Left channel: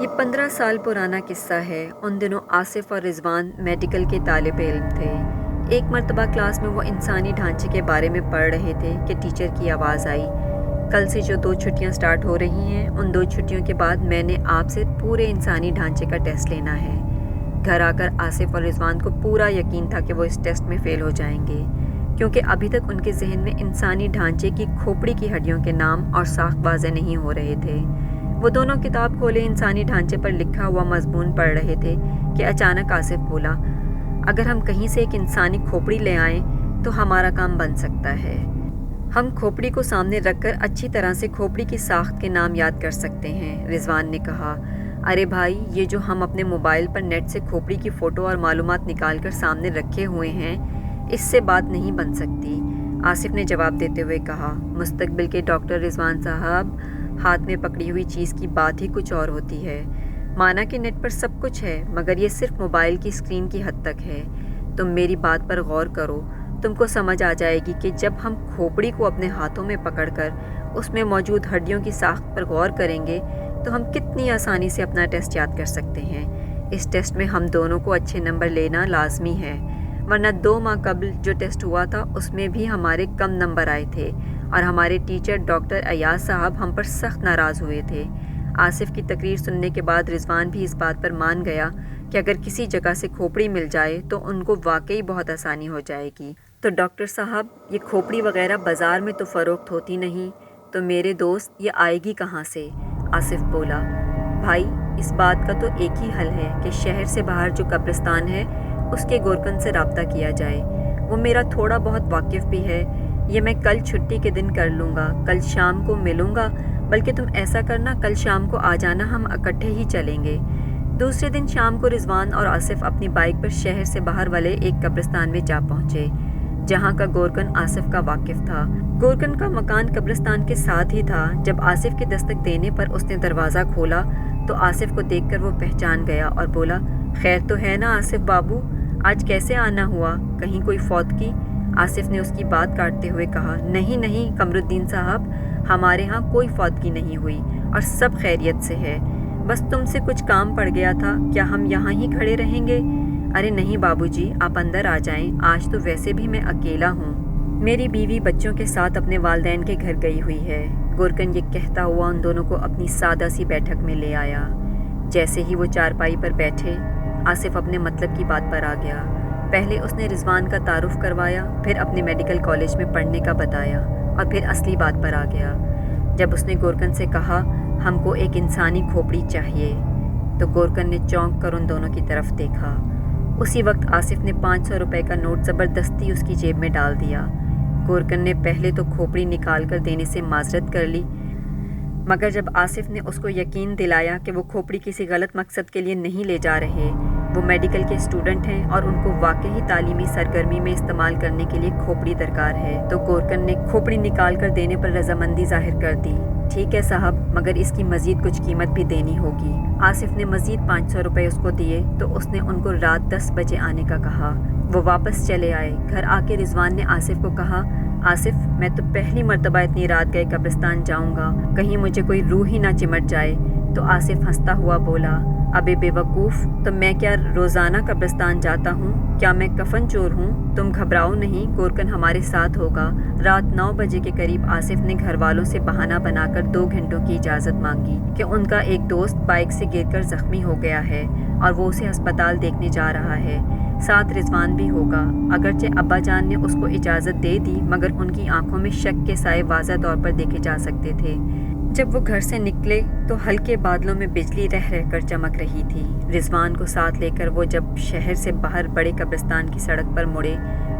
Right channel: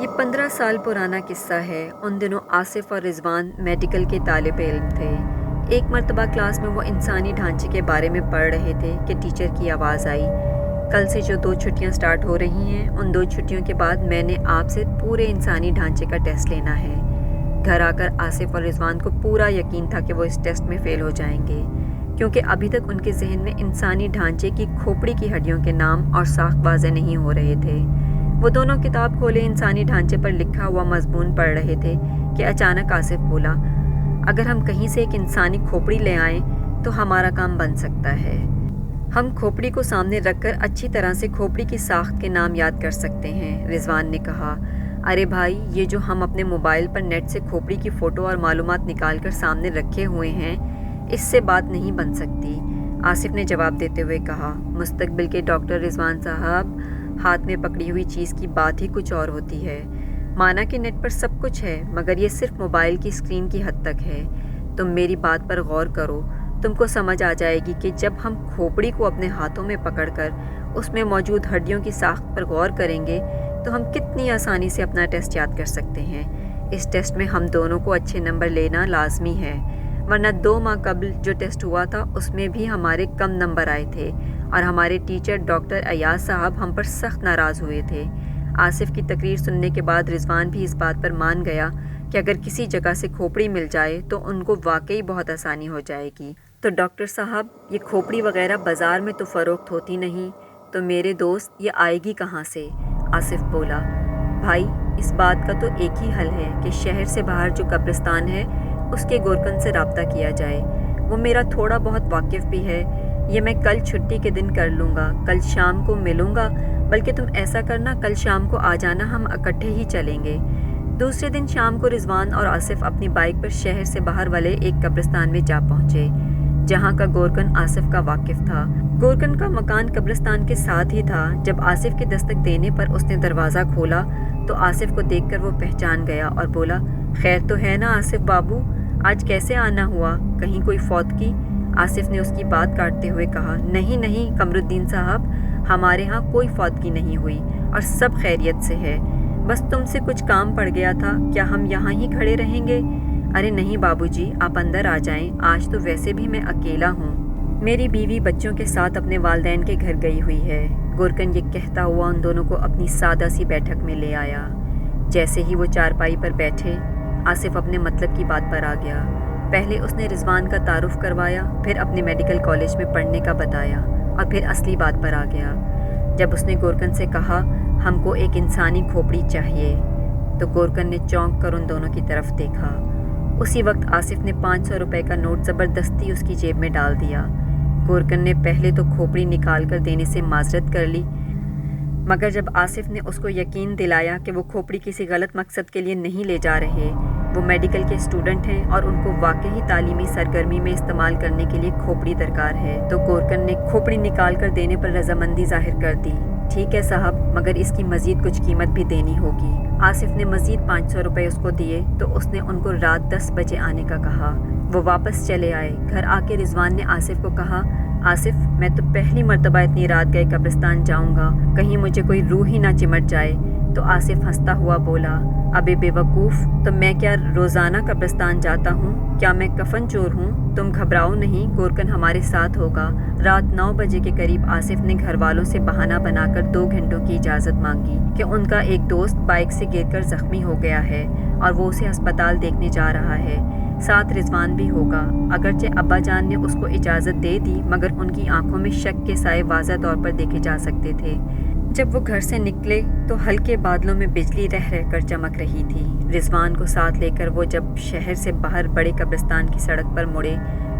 یہ 15 سال پرانا قصہ ہے۔ ان دنوں آصف اور رضوان میڈیکل کے طالب علم تھے۔ ایک مرتبہ کلاس میں وہ انسانی ڈھانچے کے بارے میں پڑھ رہے تھے کہ ٹیچر کی آواز آئی، کل سے جو 2 چھٹیاں سٹارٹ ہو رہی ہیں، ان 2 چھٹیوں کے بعد میں نے آپ سے پورے انسانی ڈھانچے کا ٹیسٹ لینا ہے۔ گھر آ کر آصف اور رضوان کو پورا یقین تھا کہ وہ اس ٹیسٹ میں فیل ہو جائیں گے، کیونکہ ابھی تک ان کے ذہن میں انسانی ڈھانچے کی کھوپڑی کی ہڈیوں کے نام اور ساخت واضح نہیں ہو رہے تھے۔ وہ دونوں کتاب کھولے انسانی ڈھانچے پر لکھا ہوا مضمون پڑھ رہے تھے کہ اچانک آصف بولا، اگر ہم کہیں سے ایک انسانی کھوپڑی لے آئیں تو ہمارا کام بن سکتا ہے۔ ہم کھوپڑی کو سامنے رکھ کر اچھی طرح سے کھوپڑی کی ساخت کے نام یاد کر سکتے ہیں۔ رضوان نے کہا، ارے بھائی، یہ جو ہم اپنے موبائل پر نیٹ سے کھوپڑی کی فوٹو اور معلومات نکال کر سامنے رکھے ہوئے ہیں، اس سے بات نہیں بن سکتی۔ آصف نے جواب دیتے ہوئے کہا، مستقبل کے ڈاکٹر رضوان صاحب، ہاتھ میں پکڑی ہوئی چیز کی بات ہی کچھ اور ہوتی ہے۔ مانا کہ نیٹ پر سب کچھ ہے، مگر یہ صرف موبائل کی اسکرین کی حد تک ہے۔ تم میری بات پر غور کرو، تم کو سمجھ آ جائے گی کہ جب ہم کھوپڑی کو اپنے ہاتھوں میں پکڑ کر اس میں موجود ہڈیوں کی ساخت پر غور کریں گے تو ہم کتنی آسانی سے اپنا ٹیسٹ یاد کر سکتے ہیں۔ اس ٹیسٹ میں ہم دونوں کو اچھے نمبر لینا لازمی ہے، ورنہ 2 ماہ قبل جو ٹیسٹ ہوا تھا اس میں بھی ہمارے کم نمبر آئے تھے اور ہمارے ٹیچر ڈاکٹر ایاز صاحب ہم پر سخت ناراض ہوئے تھے۔ آصف کی تقریر سننے کے بعد رضوان بھی اس بات پر مان گیا کہ اگر کسی جگہ سے کھوپڑی مل جائے تو ان کو واقعی بہت آسانی ہو جائے گی۔ تو ڈاکٹر صاحب، یہ کھوپڑی وغیرہ بازار میں تو فروخت ہوتی نہیں، تو میرے دوست یہ آئے گی کہاں سے؟ آصف بولا، بھائی، اس بات کا تو ایک ہی حل ہے کہ شہر سے باہر جو قبرستان ہے اس کے گورکن سے رابطہ کیا جائے۔ وہ میرا تھوڑا بہت واقف بھی ہے۔ یہ میں کل چھٹی کے دن کر لوں گا، کل شام کو ملوں گا، بلکہ تم ایسا کرنا، کل شام کو آ جانا، ہم اکٹھے ہی چلیں گے۔ دوسرے دن شام کو رضوان اور آصف اپنی بائک پر شہر سے باہر والے ایک قبرستان میں جا پہنچے، جہاں کا گورکن آصف کا واقف تھا۔ گورکن کا مکان قبرستان کے ساتھ ہی تھا۔ جب آصف کے دستک دینے پر اس نے دروازہ کھولا تو آصف کو دیکھ کر وہ پہچان گیا اور بولا، خیر تو ہے نا آصف بابو، آج کیسے آنا ہوا؟ کہیں کوئی فوتگی؟ آصف نے اس کی بات کاٹتے ہوئے کہا، نہیں نہیں قمرالدین صاحب، ہمارے ہاں کوئی فوتگی نہیں ہوئی اور سب خیریت سے ہے، بس تم سے کچھ کام پڑ گیا تھا، کیا ہم یہاں ہی کھڑے رہیں گے؟ ارے نہیں بابو جی، آپ اندر آ جائیں، آج تو ویسے بھی میں اکیلا ہوں، میری بیوی بچوں کے ساتھ اپنے والدین کے گھر گئی ہوئی ہے۔ گورکن یہ کہتا ہوا ان دونوں کو اپنی سادہ سی بیٹھک میں لے آیا۔ جیسے ہی وہ چارپائی پر بیٹھے، آصف اپنے مطلب کی بات پر آ گیا۔ پہلے اس نے رضوان کا تعارف کروایا، پھر اپنے میڈیکل کالج میں پڑھنے کا بتایا اور پھر اصلی بات پر آ گیا۔ جب اس نے گورکن سے کہا، ہم کو ایک انسانی کھوپڑی چاہیے، تو گورکن نے چونک کر ان دونوں کی طرف دیکھا۔ اسی وقت آصف نے 500 روپے کا نوٹ زبردستی اس کی جیب میں ڈال دیا۔ گورکن نے پہلے تو کھوپڑی نکال کر دینے سے معذرت کر لی، مگر جب آصف نے اس کو یقین دلایا کہ وہ کھوپڑی کسی غلط مقصد کے لیے نہیں لے جا رہے، وہ میڈیکل کے اسٹوڈنٹ ہیں اور ان کو واقعی تعلیمی سرگرمی میں استعمال کرنے کے لیے کھوپڑی درکار ہے، تو گورکن نے کھوپڑی نکال کر دینے پر رضامندی ظاہر کر دی۔ ٹھیک ہے صاحب، مگر اس کی مزید کچھ قیمت بھی دینی ہوگی۔ آصف نے مزید 500 روپے اس کو دیے تو اس نے ان کو رات 10 بجے آنے کا کہا۔ وہ واپس چلے آئے۔ گھر آ کے رضوان نے آصف کو کہا، آصف، میں تو پہلی مرتبہ اتنی رات گئے قبرستان جاؤں گا، کہیں مجھے کوئی روح ہی نہ چمٹ جائے۔ تو آصف ہنستا ہوا بولا، ابے بے وقوف، تو میں کیا روزانہ قبرستان جاتا ہوں؟ کیا میں کفن چور ہوں؟ تم گھبراؤ نہیں، گورکن ہمارے ساتھ ہوگا۔ رات 9 بجے کے قریب آصف نے گھر والوں سے بہانہ بنا کر 2 گھنٹوں کی اجازت مانگی کہ ان کا ایک دوست بائک سے گر کر زخمی ہو گیا ہے اور وہ اسے ہسپتال دیکھنے جا رہا ہے، ساتھ رضوان بھی ہوگا۔ اگرچہ ابا جان نے اس کو اجازت دے دی، مگر ان کی آنکھوں میں شک کے سائے واضح طور پر دیکھے جا سکتے تھے۔ جب وہ گھر سے نکلے تو ہلکے بادلوں میں بجلی رہ رہ کر چمک رہی تھی۔ رضوان کو ساتھ لے کر وہ جب شہر سے باہر بڑے قبرستان کی سڑک پر مڑے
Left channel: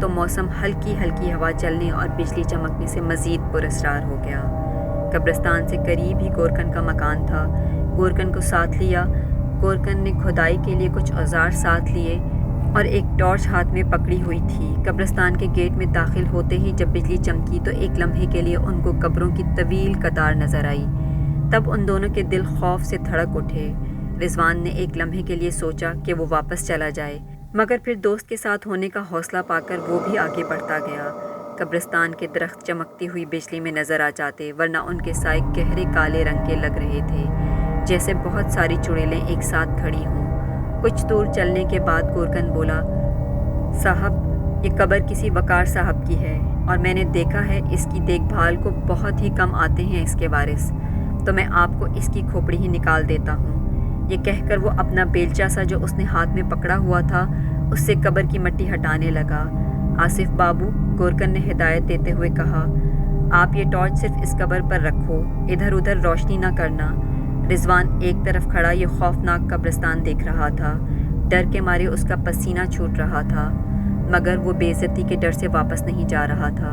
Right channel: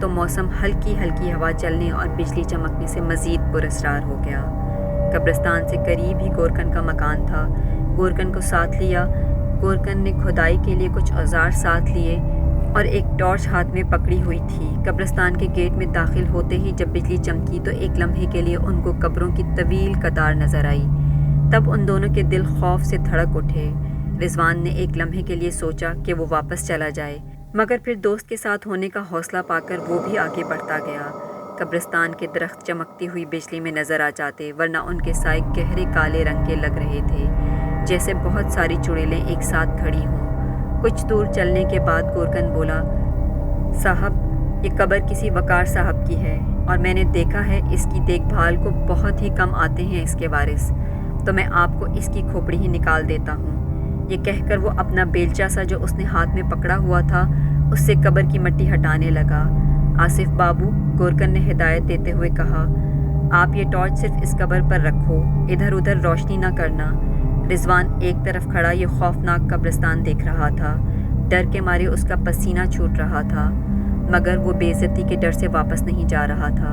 تو موسم ہلکی ہلکی ہوا چلنے اور بجلی چمکنے سے مزید پراسرار ہو گیا۔ قبرستان سے قریب ہی گورکن کا مکان تھا۔ گورکن کو ساتھ لیا۔ گورکن نے کھدائی کے لیے کچھ اوزار ساتھ لیے اور ایک ٹارچ ہاتھ میں پکڑی ہوئی تھی۔ قبرستان کے گیٹ میں داخل ہوتے ہی جب بجلی چمکی تو ایک لمحے کے لیے ان کو قبروں کی طویل قطار نظر آئی۔ تب ان دونوں کے دل خوف سے دھڑک اٹھے۔ رضوان نے ایک لمحے کے لیے سوچا کہ وہ واپس چلا جائے، مگر پھر دوست کے ساتھ ہونے کا حوصلہ پا کر وہ بھی آگے بڑھتا گیا۔ قبرستان کے درخت چمکتی ہوئی بجلی میں نظر آ جاتے، ورنہ ان کے سائے گہرے کالے رنگ کے لگ رہے تھے، جیسے بہت ساری چڑیلیں ایک ساتھ کھڑی ہوں۔ کچھ دور چلنے کے بعد گورکن بولا، صاحب، یہ قبر کسی وقار صاحب کی ہے اور میں نے دیکھا ہے اس کی دیکھ بھال کو بہت ہی کم آتے ہیں اس کے وارث، تو میں آپ کو اس کی کھوپڑی ہی نکال دیتا ہوں۔ یہ کہہ کر وہ اپنا بیلچہ سا جو اس نے ہاتھ میں پکڑا ہوا تھا اس سے قبر کی مٹی ہٹانے لگا۔ آصف بابو، گورکن نے ہدایت دیتے ہوئے کہا، آپ یہ ٹارچ صرف اس قبر پر رکھو، ادھر ادھر روشنی نہ کرنا۔ رضوان ایک طرف کھڑا یہ خوفناک قبرستان دیکھ رہا تھا۔ ڈر کے مارے اس کا پسینہ چھوٹ رہا تھا، مگر وہ بے عزتی کے ڈر سے واپس نہیں جا رہا تھا۔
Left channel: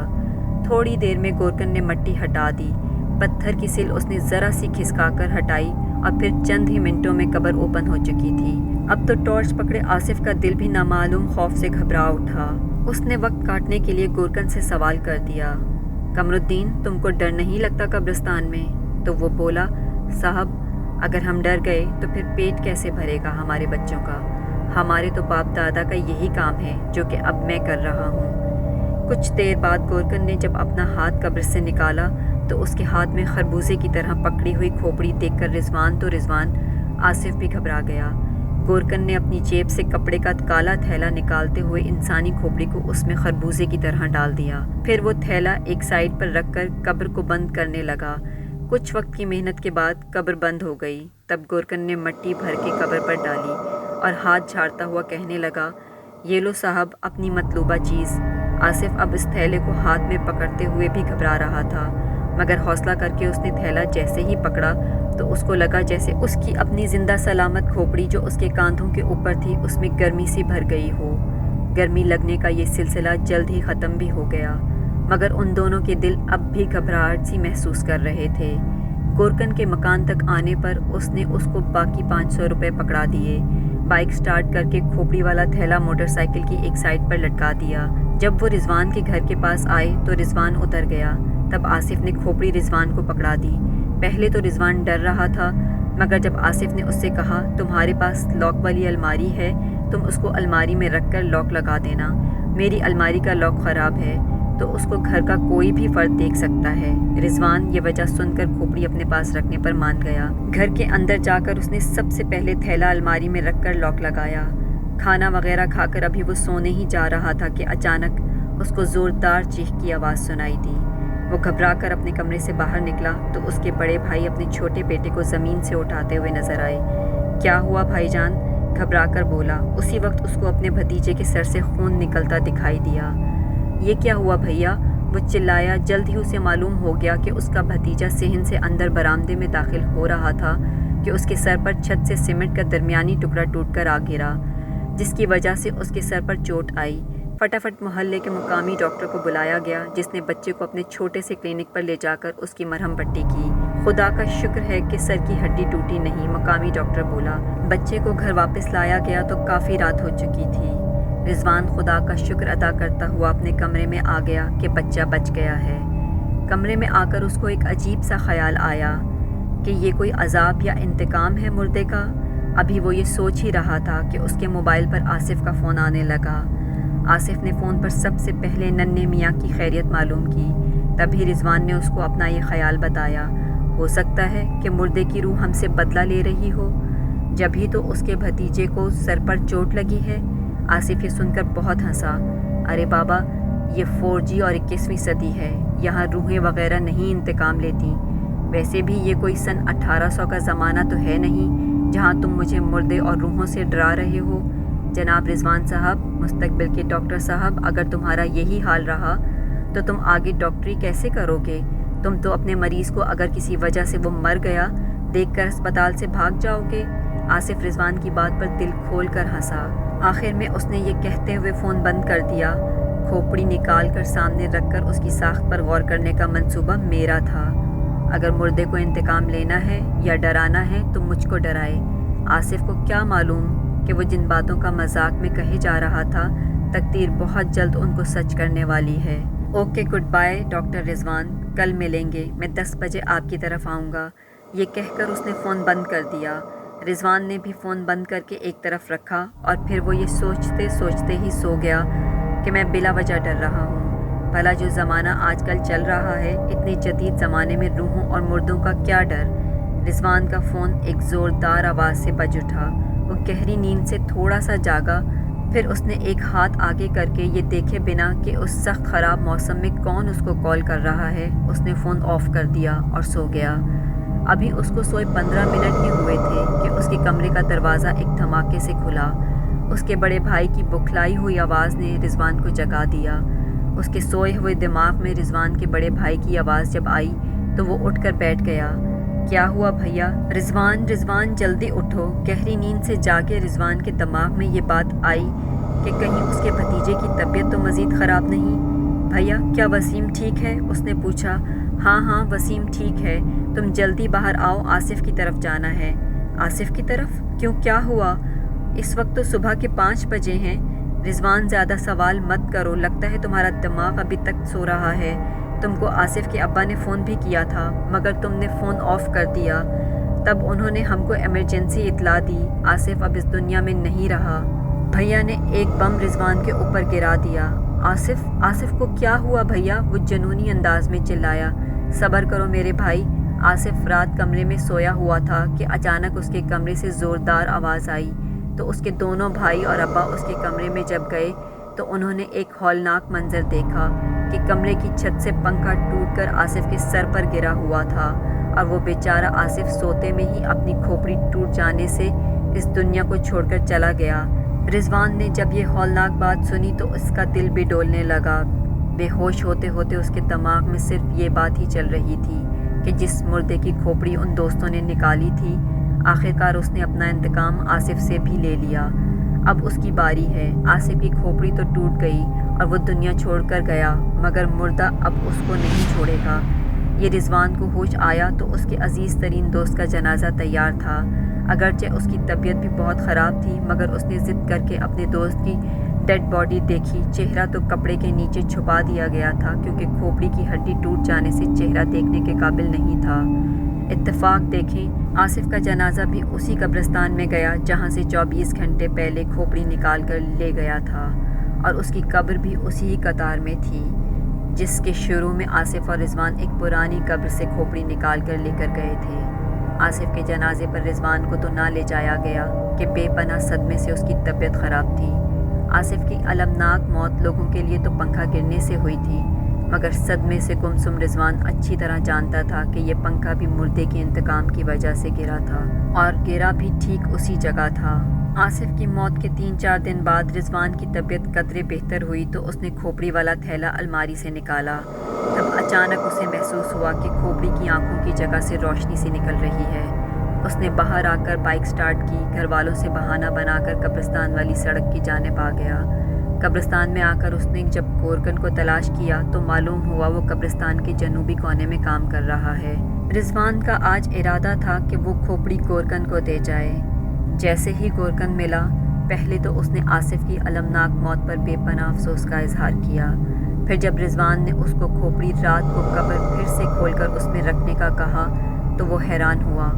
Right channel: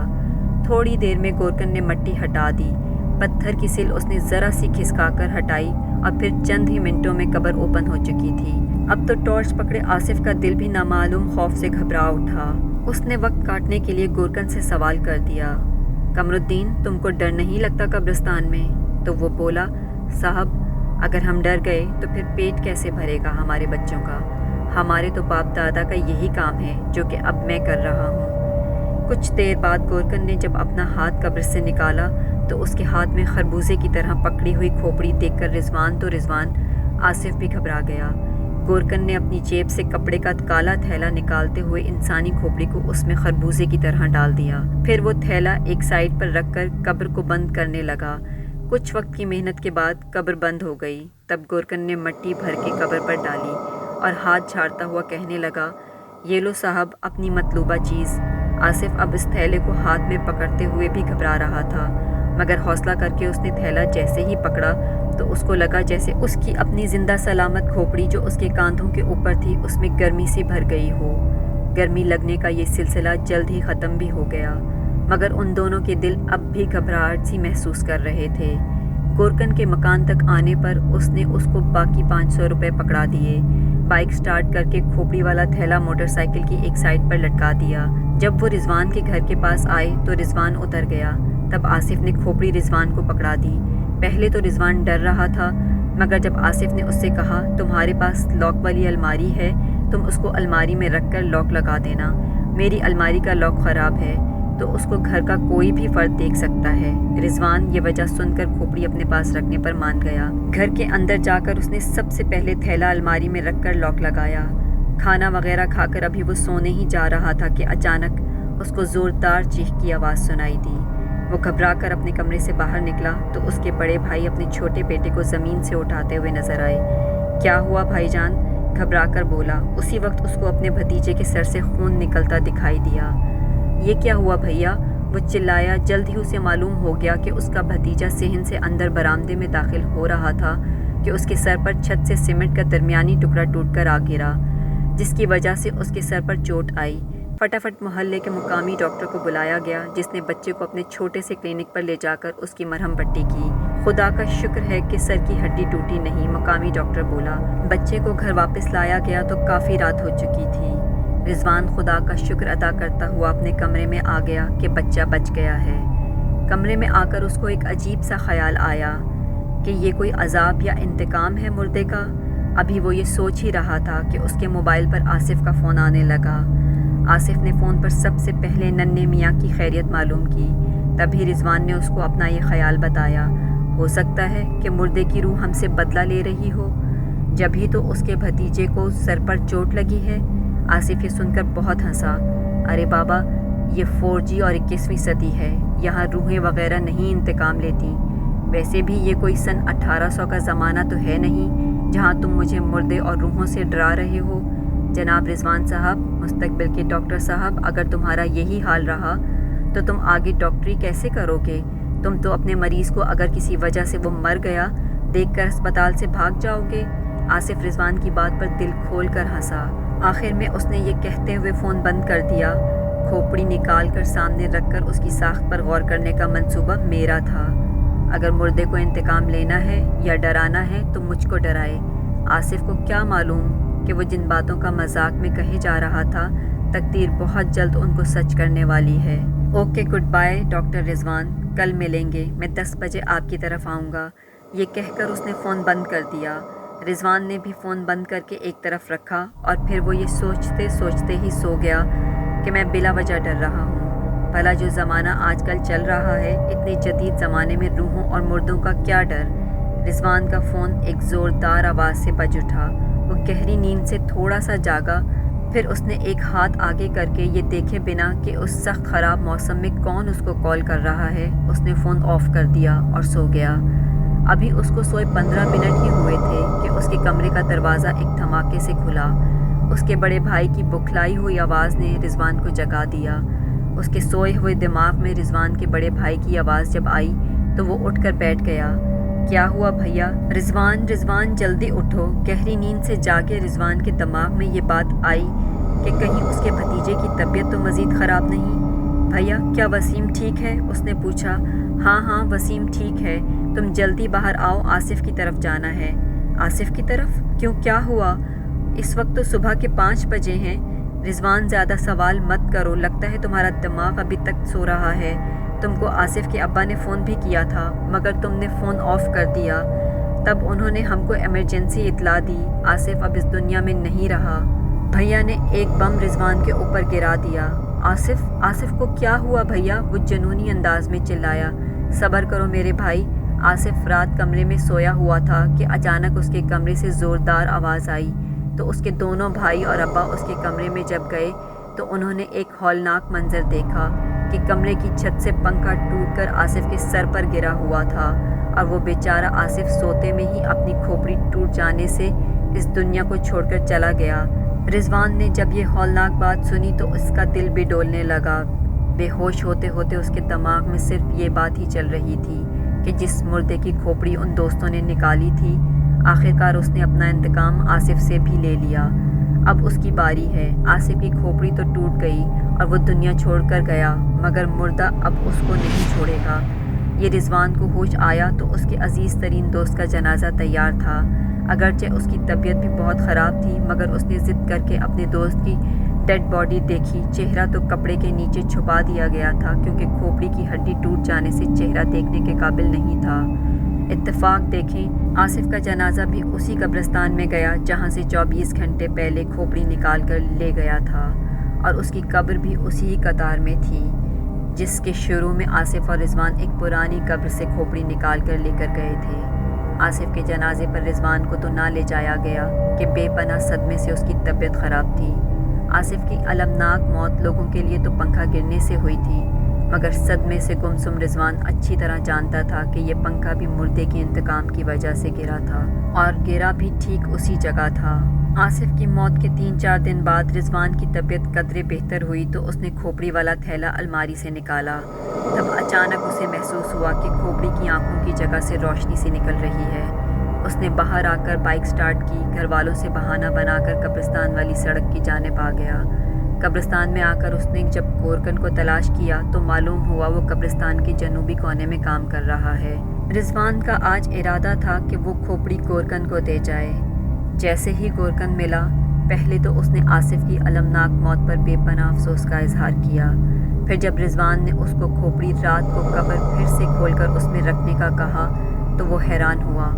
تھوڑی دیر میں گورکن نے مٹی ہٹا دی۔ پتھر کی سل اس نے ذرا سی کھسکا کر ہٹائی اور پھر چند ہی منٹوں میں قبر اوپن ہو چکی تھی۔ اب تو ٹارچ پکڑے آصف کا دل بھی نامعلوم خوف سے گھبرا اٹھا۔ اس نے وقت کاٹنے کے لیے گورکن سے سوال کر دیا، قمر الدین، تم کو ڈر نہیں لگتا قبرستان میں؟ تو وہ بولا، صاحب، اگر ہم ڈر گئے تو پھر پیٹ کیسے بھرے گا ہمارے بچوں کا؟ ہمارے تو باپ دادا کا یہی کام ہے جو کہ اب میں کر رہا ہوں۔ کچھ دیر بعد گورکن نے جب اپنا ہاتھ قبر سے نکالا تو اس کے ہاتھ میں خربوزے کی طرح پکڑی ہوئی کھوپڑی دیکھ کر رضوان آصف بھی گھبرا گیا۔ گورکن نے اپنی جیب سے کپڑے کا کالا تھیلا نکالتے ہوئے انسانی کھوپڑی کو اس میں خربوزے کی طرح ڈال دیا۔ پھر وہ تھیلا ایک سائڈ پر رکھ کر قبر کو بند کرنے لگا۔ کچھ وقت کی محنت کے بعد قبر بند ہو گئی۔ تب گورکن نے مٹی بھر کے قبر پر ڈالی اور ہاتھ جھاڑتا ہوا کہنے لگا، یہ لو صاحب اپنی مطلوبہ چیز۔ آصف اب اس تھیلے کو ہاتھ میں پکڑتے ہوئے بھی گھبرا رہا تھا، مگر حوصلہ کر کے اس نے تھیلا جیسے ہی پکڑا تو اس کو لگا جیسے اس کی اپنی زندہ سلامت کھوپڑی جو اس کے کاندھوں کے اوپر تھی اس میں گرمی سی بھر گئی ہو۔ گرمی لگنے کا یہ سلسلہ جلد ہی ختم بھی ہو گیا، مگر ان دونوں کے دل اب بھی گھبراہٹ سی محسوس کر رہے تھے۔ گورکن کے مکان تک آنے پر اس نے اس کو باقی 500 روپے پکڑا دیے۔ بائک سٹارٹ کر کے کھوپڑی والا تھیلا موٹر سائیکل کی ایک سائڈ پر لٹکا دیا۔ جب وہ رضوان کے گھر کے پاس آئے تو رضوان اتر گیا۔ تب آصف نے کھوپڑی رضوان کو پکڑا دی۔ پہلے تو رضوان ڈر رہا تھا، مگر جب آصف نے اس سے کہا، تمہارے پاس لاک والی الماری ہے، تم اس کو الماری میں رکھ کر لاک لگا دینا، میری الماری کا لاک خراب ہے تو اس کو گھر کا کوئی بھی فرد دیکھ سکتا ہے۔ رضوان یہ وجہ سن کر کھوپڑی اپنے پاس رکھنے پر مان گیا۔ گھر کے اندر جا کر اس نے سب سے پہلے تھیلا الماری میں رکھ کر لاک لگایا۔ کھانا وغیرہ کھا کر ابھی وہ سونے ہی جا رہا تھا کہ اچانک اس کو زوردار چیخ کی آواز سنائی دی۔ وہ گھبرا کر اپنے کمرے سے باہر نکلا تو اس کے بڑے بھائی اپنے چھوٹے بیٹے کو زمین سے اٹھاتے ہوئے نظر آئے۔ کیا ہوا بھائی جان؟ گھبرا کر بولا۔ اسی وقت اس کو اپنے بھتیجے کے سر سے خون نکلتا دکھائی دیا۔ یہ کیا ہوا بھیا؟ وہ چلایا۔ جلد ہی اسے معلوم ہو گیا کہ اس کا بھتیجا صحن سے اندر برآمدے میں داخل ہو رہا تھا کہ اس کے سر پر چھت سے سیمنٹ کا درمیانی ٹکڑا ٹوٹ کر آ گرا، جس کی وجہ سے اس کے سر پر چوٹ آئی۔ فٹافٹ محلے کے مقامی ڈاکٹر کو بلایا گیا، جس نے بچے کو اپنے چھوٹے سے کلینک پر لے جا کر اس کی مرہم پٹی کی۔ خدا کا شکر ہے کہ سر کی ہڈی ٹوٹی نہیں، مقامی ڈاکٹر بولا۔ بچے کو گھر واپس لایا گیا تو کافی رات ہو چکی تھی۔ رضوان خدا کا شکر ادا کرتا ہوا اپنے کمرے میں آ گیا کہ بچہ بچ گیا ہے۔ کمرے میں آ کر اس کو ایک عجیب سا خیال آیا کہ یہ کوئی عذاب یا انتقام ہے مردے کا۔ ابھی وہ یہ سوچ ہی رہا تھا کہ اس کے موبائل پر آصف کا فون آنے لگا۔ آصف نے فون پر سب سے پہلے ننھے میاں کی خیریت معلوم کی۔ تبھی رضوان نے اس کو اپنا یہ خیال بتایا، ہو سکتا ہے کہ مردے کی روح ہم سے بدلہ لے رہی ہو، جبھی تو اس کے بھتیجے کو سر پر چوٹ لگی ہے۔ آصف یہ سن کر بہت ہنسا۔ ارے بابا، یہ 4G اور 21ویں صدی ہے، یہاں روحیں وغیرہ نہیں انتقام لیتی۔ ویسے بھی یہ کوئی سن 1800 کا زمانہ تو ہے نہیں جہاں تم مجھے مردے اور روحوں سے ڈرا رہے ہو۔ جناب رضوان صاحب، مستقبل کے ڈاکٹر صاحب، اگر تمہارا یہی حال رہا تو تم آگے ڈاکٹری کیسے کرو گے؟ تم تو اپنے مریض کو اگر کسی وجہ سے وہ مر گیا دیکھ کر اسپتال سے بھاگ جاؤ گے۔ آصف رضوان کی بات پر دل کھول کر ہنسا۔ آخر میں اس نے یہ کہتے ہوئے فون بند کر دیا۔ کھوپڑی نکال کر سامنے رکھ کر اس کی ساخت پر غور کرنے کا منصوبہ میرا تھا۔ اگر مردے کو انتقام لینا ہے یا ڈرانا ہے تو مجھ کو ڈرائے۔ آصف کو کیا معلوم کہ وہ جن باتوں کا مذاق میں کہے جا رہا تھا، تقدیر بہت جلد ان کو سچ کرنے والی ہے۔ اوکے، گڈ بائے ڈاکٹر رضوان، کل ملیں گے، میں 10 بجے آپ کی طرف آؤں گا۔ یہ کہہ کر اس نے فون بند کر دیا۔ رضوان نے بھی فون بند کر کے ایک طرف رکھا اور پھر وہ یہ سوچتے سوچتے ہی سو گیا کہ میں بلا وجہ ڈر رہا ہوں۔ بھلا جو زمانہ آج کل چل رہا ہے، اتنے جدید زمانے میں روحوں اور مردوں کا کیا ڈر؟ رضوان کا فون ایک زوردار آواز سے بج اٹھا۔ وہ گہری نیند سے تھوڑا سا جاگا، پھر اس نے ایک ہاتھ آگے کر کے یہ دیکھے بنا کہ اس سخت خراب موسم میں کون اس کو کال کر رہا ہے، اس نے فون آف کر دیا اور سو گیا۔ ابھی اس کو سوئے 15 منٹ ہی ہوئے تھے کہ اس کے کمرے کا دروازہ ایک دھماکے سے کھلا۔ اس کے بڑے بھائی کی بکھلائی ہوئی آواز نے رضوان کو جگا دیا۔ اس کے سوئے ہوئے دماغ میں رضوان کے بڑے بھائی کی آواز جب آئی تو وہ اٹھ کر بیٹھ گیا۔ کیا ہوا بھیا؟ رضوان جلدی اٹھو۔ گہری نیند سے جاگے رضوان کے دماغ میں یہ بات آئی کہ کہیں اس کے بھتیجے کی طبیعت تو مزید خراب نہیں۔ بھیا کیا وسیم ٹھیک ہے؟ اس نے پوچھا۔ ہاں وسیم ٹھیک ہے، تم جلدی باہر آؤ، آصف کی طرف جانا ہے۔ آصف کی طرف؟ کیوں، کیا ہوا؟ اس وقت تو صبح کے 5 بجے ہیں۔ رضوان زیادہ سوال مت کرو، لگتا ہے تمہارا دماغ ابھی تک سو رہا ہے۔ تم کو آصف کے ابا نے فون بھی کیا تھا مگر تم نے فون آف کر دیا، تب انہوں نے ہم کو ایمرجنسی اطلاع دی، آصف اب اس دنیا میں نہیں رہا۔ بھیا نے ایک بم رضوان کے اوپر گرا دیا۔ آصف کو کیا ہوا بھیا؟ وہ جنونی انداز میں چلایا۔ صبر کرو میرے بھائی، آصف رات کمرے میں سویا ہوا تھا کہ اچانک اس کے کمرے سے زوردار آواز آئی تو اس کے دونوں بھائی اور ابا اس کے کمرے میں جب گئے تو انہوں نے ایک ہولناک منظر دیکھا کہ کمرے کی چھت سے پنکھا ٹوٹ کر آصف کے سر پر گرا ہوا تھا اور وہ بیچارہ آصف سوتے میں ہی اپنی کھوپڑی ٹوٹ جانے سے اس دنیا کو چھوڑ کر چلا گیا۔ رضوان نے جب یہ ہولناک بات سنی تو اس کا دل بھی ڈولنے لگا۔ بے ہوش ہوتے ہوتے اس کے دماغ میں صرف یہ بات ہی چل رہی تھی کہ جس مردے کی کھوپڑی ان دوستوں نے نکالی تھی، آخرکار اس نے اپنا انتقام آصف سے بھی لے لیا۔ اب اس کی باری ہے۔ آصف کی کھوپڑی تو ٹوٹ گئی اور وہ دنیا چھوڑ کر گیا مگر مردہ اب اس کو نہیں چھوڑے گا۔ یہ رضوان کو ہوش آیا تو اس کے عزیز ترین دوست کا جنازہ تیار تھا۔ اگرچہ اس کی طبیعت بھی بہت خراب تھی مگر اس نے ضد کر کے اپنے دوست کی ڈیڈ باڈی دیکھی۔ چہرہ تو کپڑے کے نیچے چھپا دیا گیا تھا کیونکہ کھوپڑی کی ہڈی ٹوٹ جانے سے چہرہ دیکھنے کے قابل نہیں تھا۔ اتفاق دیکھیں، آصف کا جنازہ بھی اسی قبرستان میں گیا جہاں سے 24 گھنٹے پہلے کھوپڑی نکال کر لے گیا تھا، اور اس کی قبر بھی اسی قطار میں تھی جس کے شروع میں آصف اور رضوان ایک پرانی قبر سے کھوپڑی نکال کر لے کر گئے تھے۔ آصف کے جنازے پر رضوان کو تو نہ لے جایا گیا کہ بے پناہ صدمے سے اس کی طبیعت خراب تھی۔ آصف کی المناک موت لوگوں کے لیے تو پنکھا گرنے سے ہوئی تھی مگر صدمے سے گمسم رضوان اچھی طرح جانتا تھا کہ یہ پنکھا بھی مردے کے انتقام کی وجہ سے گرا تھا اور گرا بھی ٹھیک اسی جگہ تھا۔ آصف کی موت کے 3-4 دن بعد رضوان کی طبیعت قدرے بہتر ہوئی تو اس نے کھوپڑی والا تھیلا الماری سے نکالا۔ تب اچانک اسے محسوس ہوا کہ کھوپڑی کی آنکھوں کی جگہ سے روشنی سی نکل رہی ہے۔ اس نے باہر آ کر بائک سٹارٹ کی، گھر والوں سے بہانہ بنا کر قبرستان والی سڑک کی جانب آ گیا۔ قبرستان میں آ کر اس نے جب گورکن کو تلاش کیا تو معلوم ہوا وہ قبرستان کے جنوبی کونے میں کام کر رہا ہے۔ رضوان کا آج ارادہ تھا کہ وہ کھوپڑی گورکن کو دے جائے۔ جیسے ہی گورکن ملا، پہلے تو اس نے آصف کی المناک موت پر بے پناہ افسوس کا اظہار کیا۔ پھر جب رضوان نے اس کو کھوپڑی رات کو قبر پھر سے کھول کر اس میں رکھنے کا کہا تو وہ حیران ہوا۔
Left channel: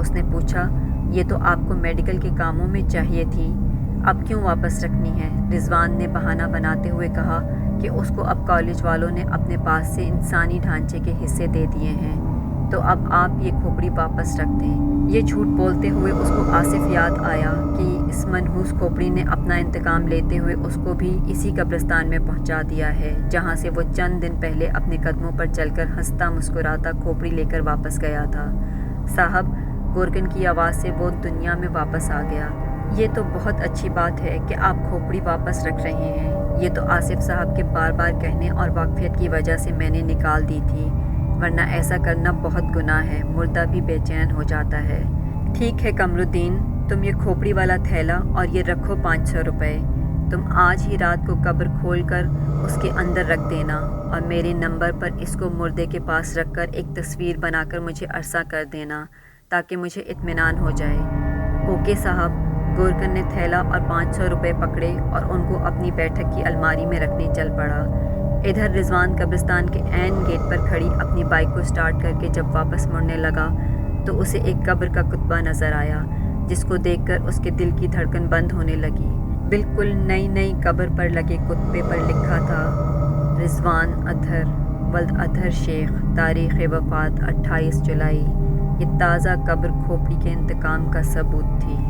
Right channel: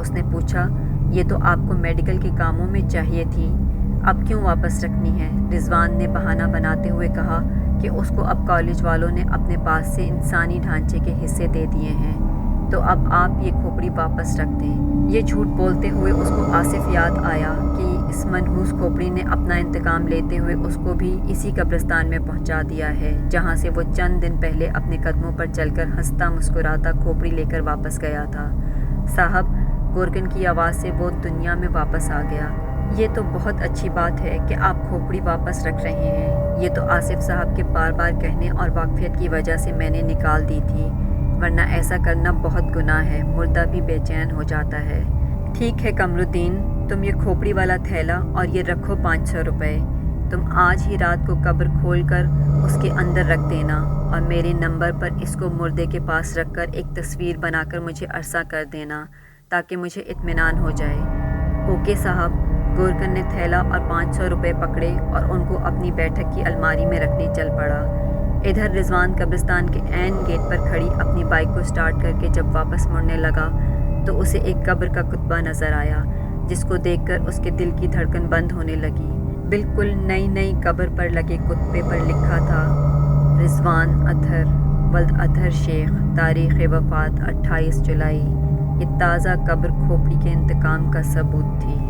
اس نے پوچھا، یہ تو آپ کو میڈیکل کے کاموں میں چاہیے تھی، اب کیوں واپس رکھنی ہے؟ رضوان نے بہانہ بناتے ہوئے کہا کہ اس کو اب کالج والوں نے اپنے پاس سے انسانی ڈھانچے کے حصے دے دیے ہیں تو اب آپ یہ کھوپڑی واپس رکھ دیں۔ یہ جھوٹ بولتے ہوئے اس کو آصف یاد آیا کہ اس منحوس کھوپڑی نے اپنا انتقام لیتے ہوئے اس کو بھی اسی قبرستان میں پہنچا دیا ہے جہاں سے وہ چند دن پہلے اپنے قدموں پر چل کر ہنستا مسکراتا کھوپڑی لے کر واپس گیا تھا۔ صاحب، گورکن کی آواز سے وہ دنیا میں واپس آ گیا۔ یہ تو بہت اچھی بات ہے کہ آپ کھوپڑی واپس رکھ رہے ہیں، یہ تو آصف صاحب کے بار بار کہنے اور واقفیت کی وجہ سے میں نے نکال دی تھی، ورنہ ایسا کرنا بہت گناہ ہے، مردہ بھی بے چین ہو جاتا ہے۔ ٹھیک ہے قمرالدین، تم یہ کھوپڑی والا تھیلا اور یہ رکھو 500 روپے، تم آج ہی رات کو قبر کھول کر اس کے اندر رکھ دینا اور میرے نمبر پر اس کو مردے کے پاس رکھ کر ایک تصویر بنا کر مجھے عرصہ کر دینا تاکہ مجھے اطمینان ہو جائے۔ اوکے صاحب۔ گورکن نے تھیلا اور 500 روپے پکڑے اور ان کو اپنی بیٹھک کی الماری میں رکھنے چل پڑا۔ ادھر رضوان قبرستان کے عین گیٹ پر کھڑی اپنی بائک کو سٹارٹ کر کے جب واپس مڑنے لگا تو اسے ایک قبر کا کتبہ نظر آیا جس کو دیکھ کر اس کے دل کی دھڑکن بند ہونے لگی۔ بالکل نئی قبر پر لگے کتبے پر لکھا تھا، رضوان اطہر ولد اطہر شیخ، تاریخ وفات 28 جولائی یہ تازہ قبر کھوپڑی کے انتقام کا ثبوت تھی۔